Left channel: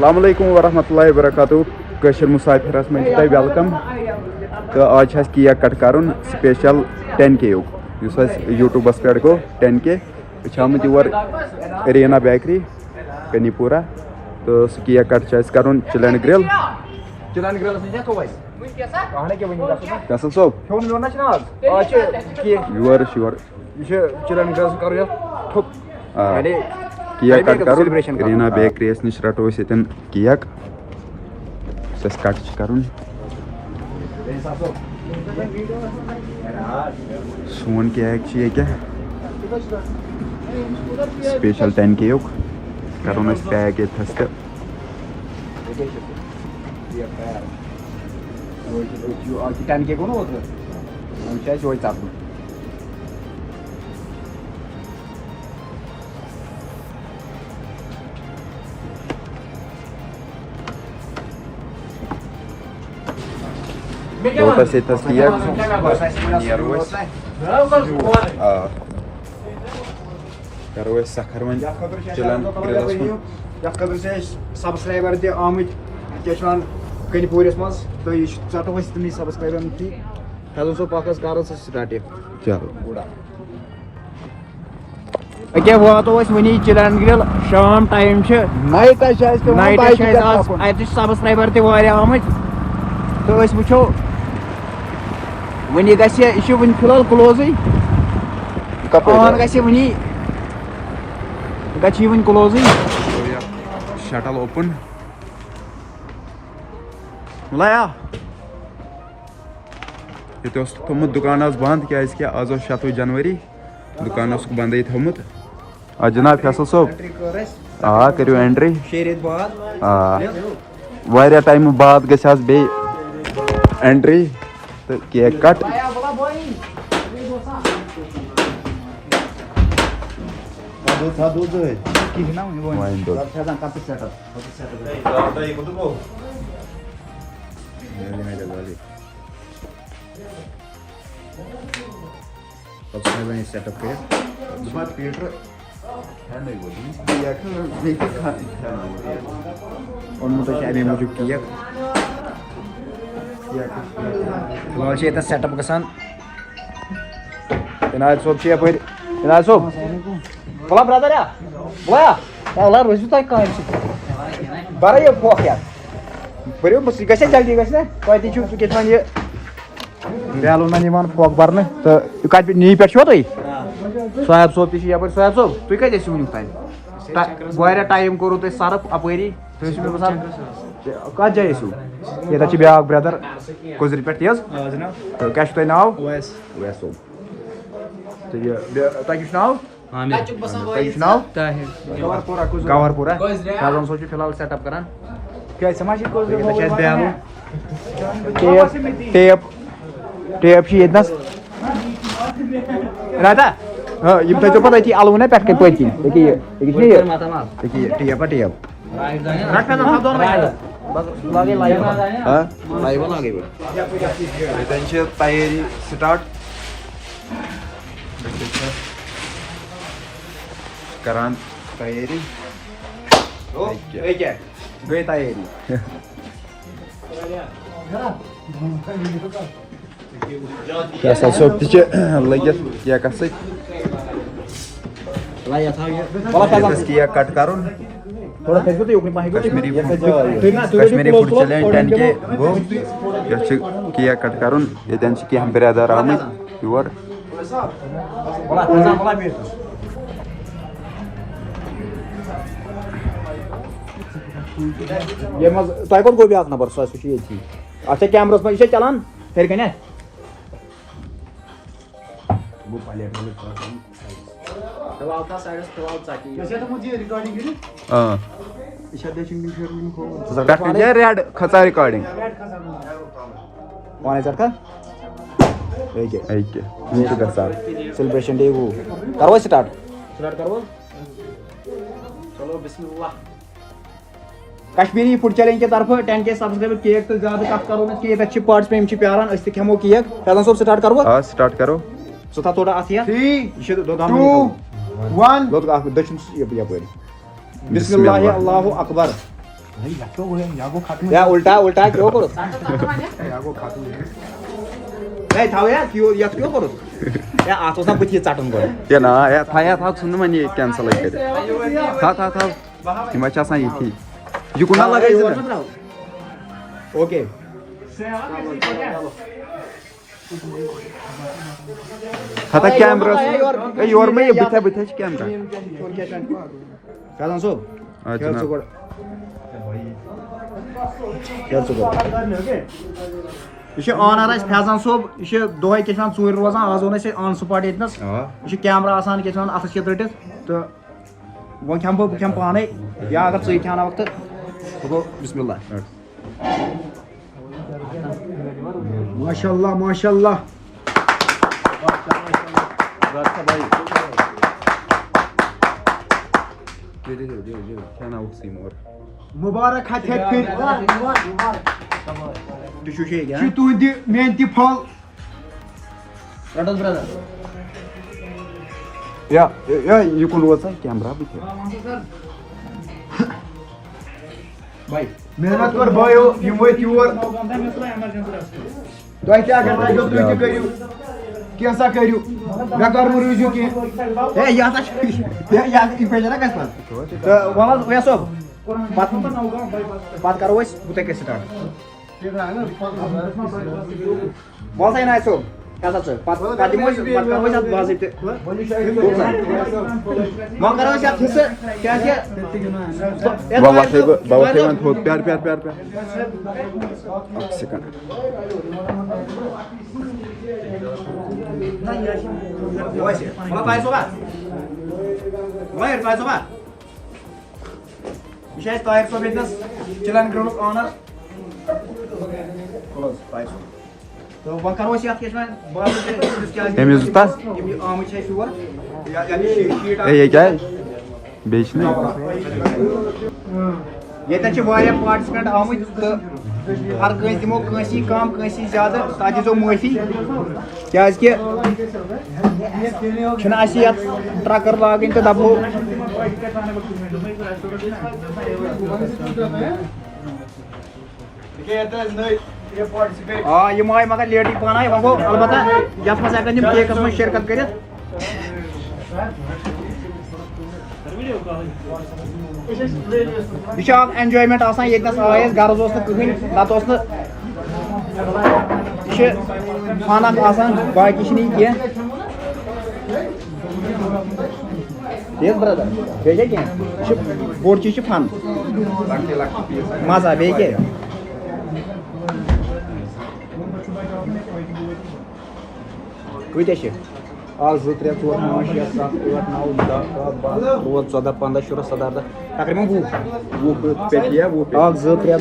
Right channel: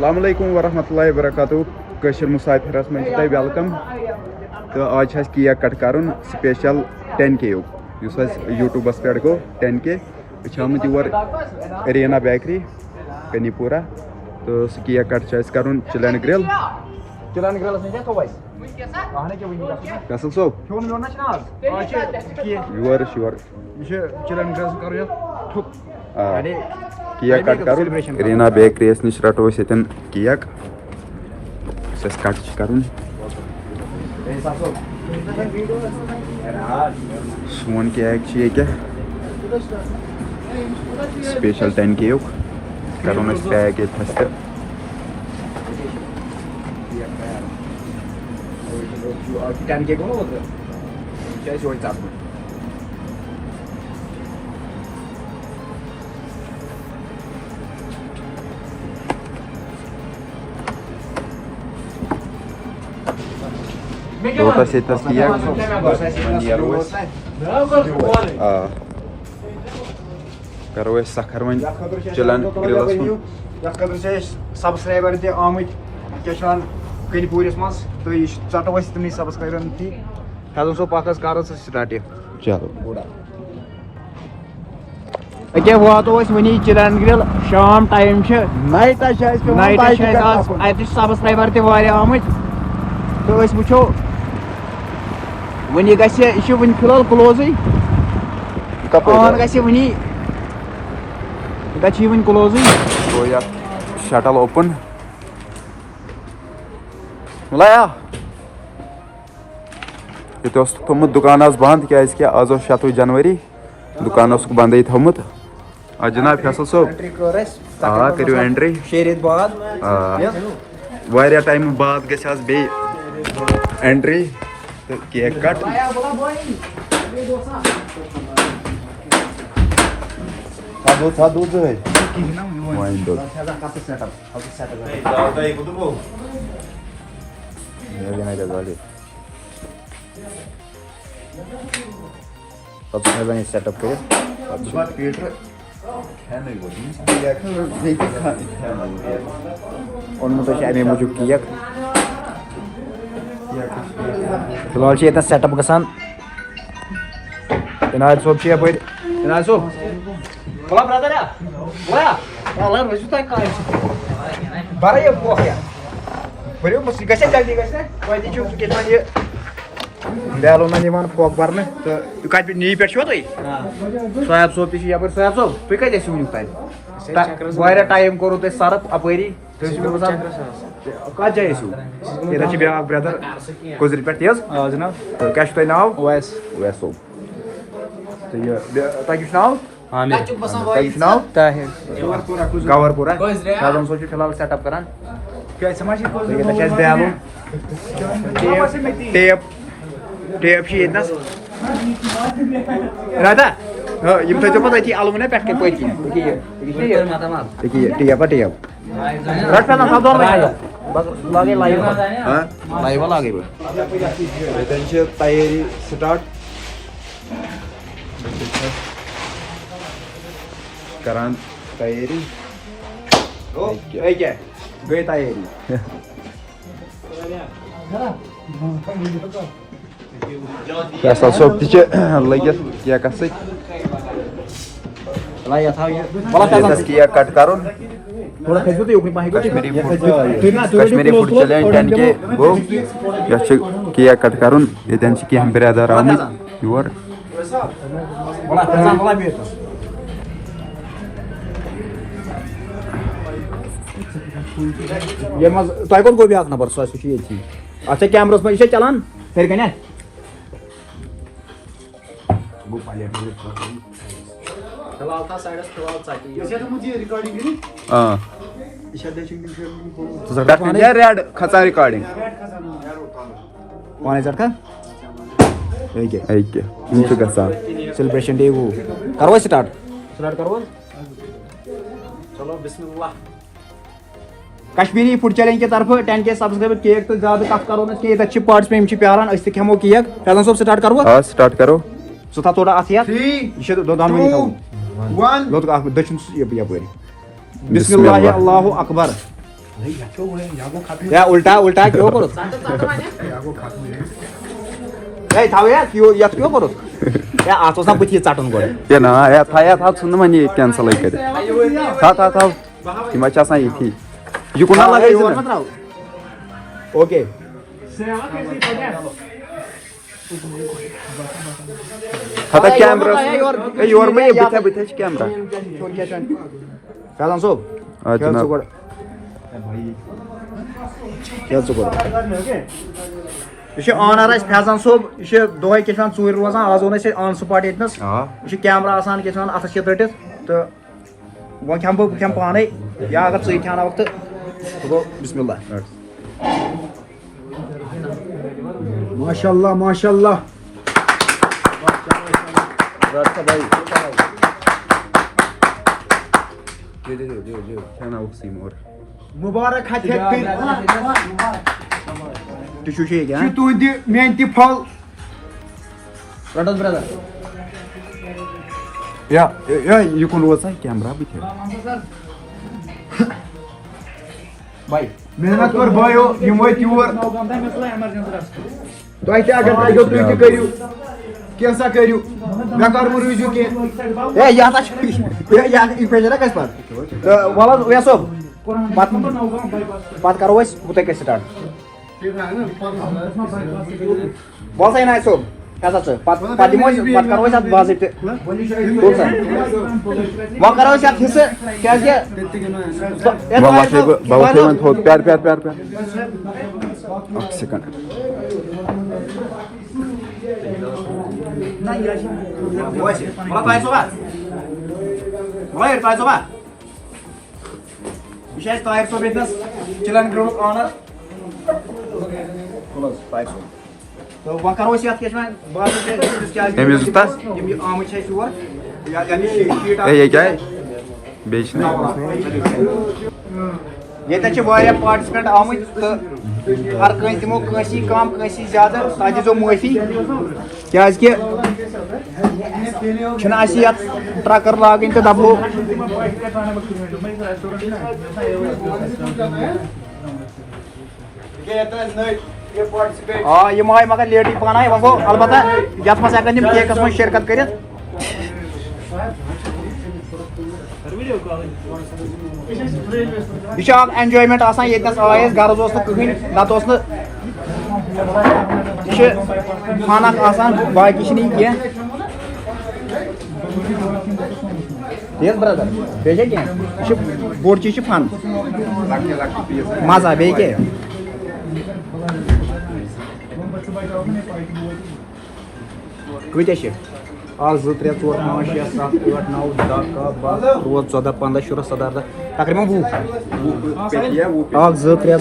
अस्सलामुअलैकुम वरहमतुल्लाहि वबरकातुहू कशर मुसाफिरस में वेलकम तो आज केक कट कर स्पेशल 10K यूट्यूबस पे गो 10K आमुत योर रीना बेकरी कनीपुरा तो सह केक कट कर चिलन ग्रिल फैसल सोब योर श्योर केक कट कर रीना बेकरी नश रटो यन केक कट कर सोन केक ये स्पेशल 10K करो पैक ये दोtas yetas केक करो सखर वन चिलन ग्रिलस सब्सक्राइबर ते आमुत कनीपुरस मज तो यह चटो तम सब्सक्राइबर ती फैजल सोब पकस कर स्टार्ट चलो अके वातो वनी चिलन ग्रिल शाम टाइम नाइट सब्सक्राइबर ते आमुत तो वो वनी वन फिलहाल क्लोज वनी वन क्लोज तो या शटल ओपन मुलाया ये थोमुत दुकान बंद क्या आज 7 जनवरी दुकान बंद थोमुत जनाब फैसल सोब करो एंट्री वारिया टाइम बाद गस बे एंट्री तो केक कट वाइन दूध सेटअप कर अमे मूजूब केक फिलहाल ये सेटअप गसान इनायत सोब इनायत सोब बोला ब्रदर बोया बरे बरो ग जल्दी गए बैलून फोक भरन तो कत नी पे तुम सोयाब सोब तप सोयाब सोब तुम कत वन वारिया टाइम कोर सर्फ अपरी कत जाए ये ब्या ब्रदर कुजर पे तेज तो क्या नाव वैस सोब तो ये तक नाव आमिर नाव ताहिर गवरपुरा फैजल सोब फिलहाल सेटअप कर बैलून टेप टेप राधा यम थो पे अलवन पे पत्न टेप टेप तैयारी स्टार्ट करान तैयारी गई तैयारी फैसल सोब लगित केकस केक कट कर कश्मीरी फूड चैलेंज 10K गो केक कट कर कह ब्रदर आमुत योर तह कौन गो नंबर सह अच्छा कैमरस में चलान हेर कन रेड खचा रिकॉर्डिंग सेलिब्रेशन डे करो स्टार्ट चलो बिस्मिल्लाह कश्मीरी फूड चैलेंज के तरफ 10K सब्सक्राइबर केक तो ज्यादा कट करो ना कि तक पार्टिसिपेंट प्यारान अस खेमो केक फैजल सोब स्टार्ट करो स्टार्ट करो सो था थोड़ा आसिया 3 2 1 बिस्मिल्लाह अल्लाहु अकबर या उल्टा उल्टा क्यों करो ए थाव या क्यों करो या आसो सा बुथी चाटून गो ये ना या था सुन मनी कैंसिल कर था यम आसान ये यह कुना लगे ओके था camera your may booth camera Faizan सोब जनाब यह ऑनर फैजान सोब यह दोहे क्या चूर रोजान आज ओन ऑन स्पॉट यस यह कैमरा आसान क्या अथस के रटित तो वो खेम बह खेम पाने या अगर ची ख्यान तो गो बिस्मिल्लाह माशाल्लाह माशाल्लाह मुबारक तुंद मेन तह फल ब्रदर या यह कुन रोज कैमरा भाई मेहनत कर भाइयों यम वो योर तुम क्या अगर तुम तुम करू कैसा करू मे कर रूजू कह वल वैस सोब पत करो बुत स्टार्ट बस ना सोब क्या करो बाजित वो करो हिस्से क्या प्यार प्यार प्यार प्यार ताहिर सोब चिलन ग्राउंड ऑनर तो वह करो क्या आम योर ये पार्टिसिपेंट आमुत तो हर कह दिमो कम कसी ज्यादा सा दो माफी क्या ट्रकर लागन तो दबो हाँ यह आए मगर लेट पाना वो गो अलबत्ता ये केकस मज शिरकत कर एंजॉयमेंट आसान ये आए गर्ज कहीं नत खाना आसान बाकी कह बोड़ चीज फन मजा बे कत 1 2 3 4 5 6 7 8 9 10 11 12 13 14 15 16 तकरीबन 1 2 3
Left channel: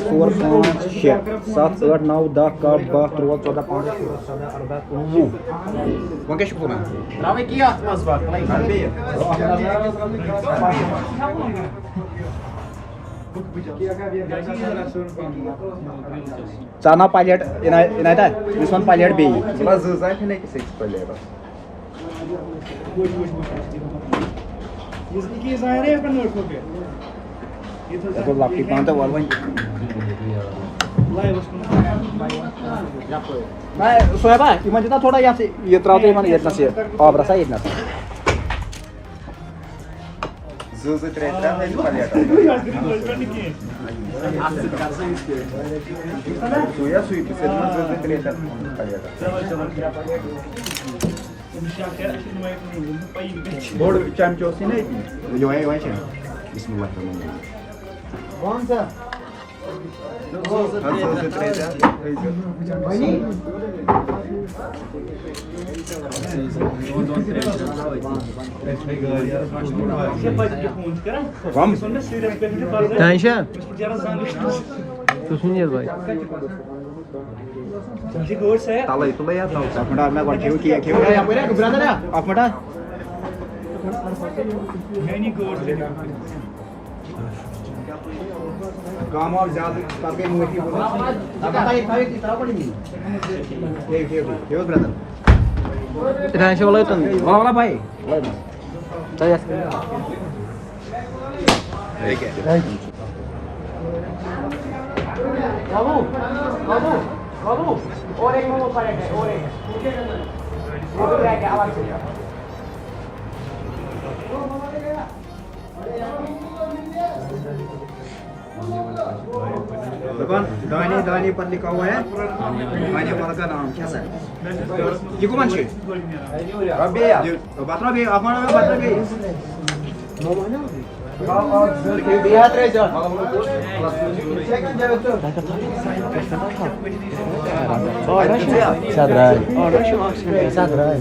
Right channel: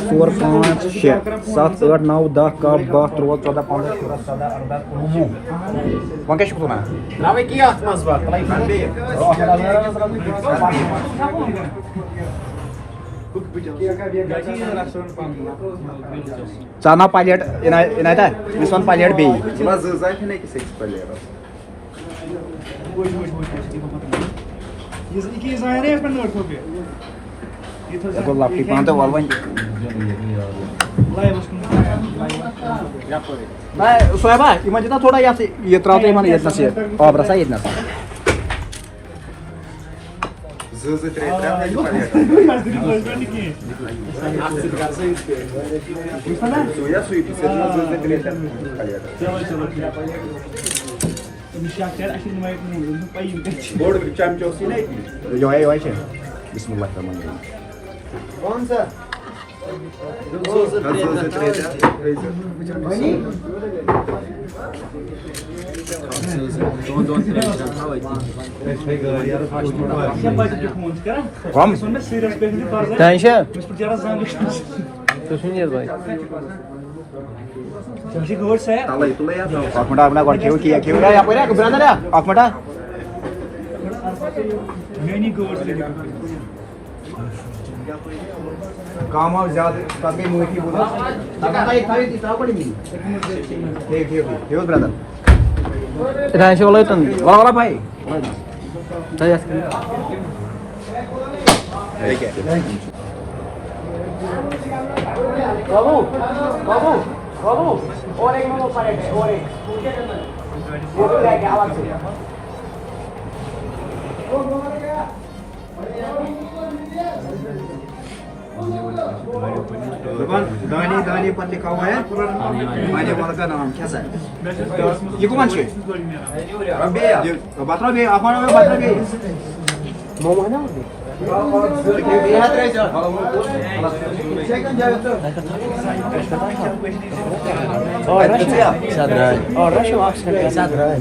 4 5 6 7 8 9 10 11 12 13 14 15 16 17 18 19 वह क्या तुम तवे की चाना पायलट इनायता इस वन पायलट बे सोएबा इमन दिता थोड़ा ये त्रात इमन ये ऑर्डर सा इतना काम ज्यादा ब्रदर वाला भाई और एक मोमो पलेट है और एक वो भी लेके आवाज से दुकान दानी पर लिखा हुआ है दानी वाला का नाम क्या है ये कौन से अबे बात रहा बे अपन में बात रहा बे मोमो है ना बिहार रे चल और रशिया सादराय और रशिया अक्सर सादराय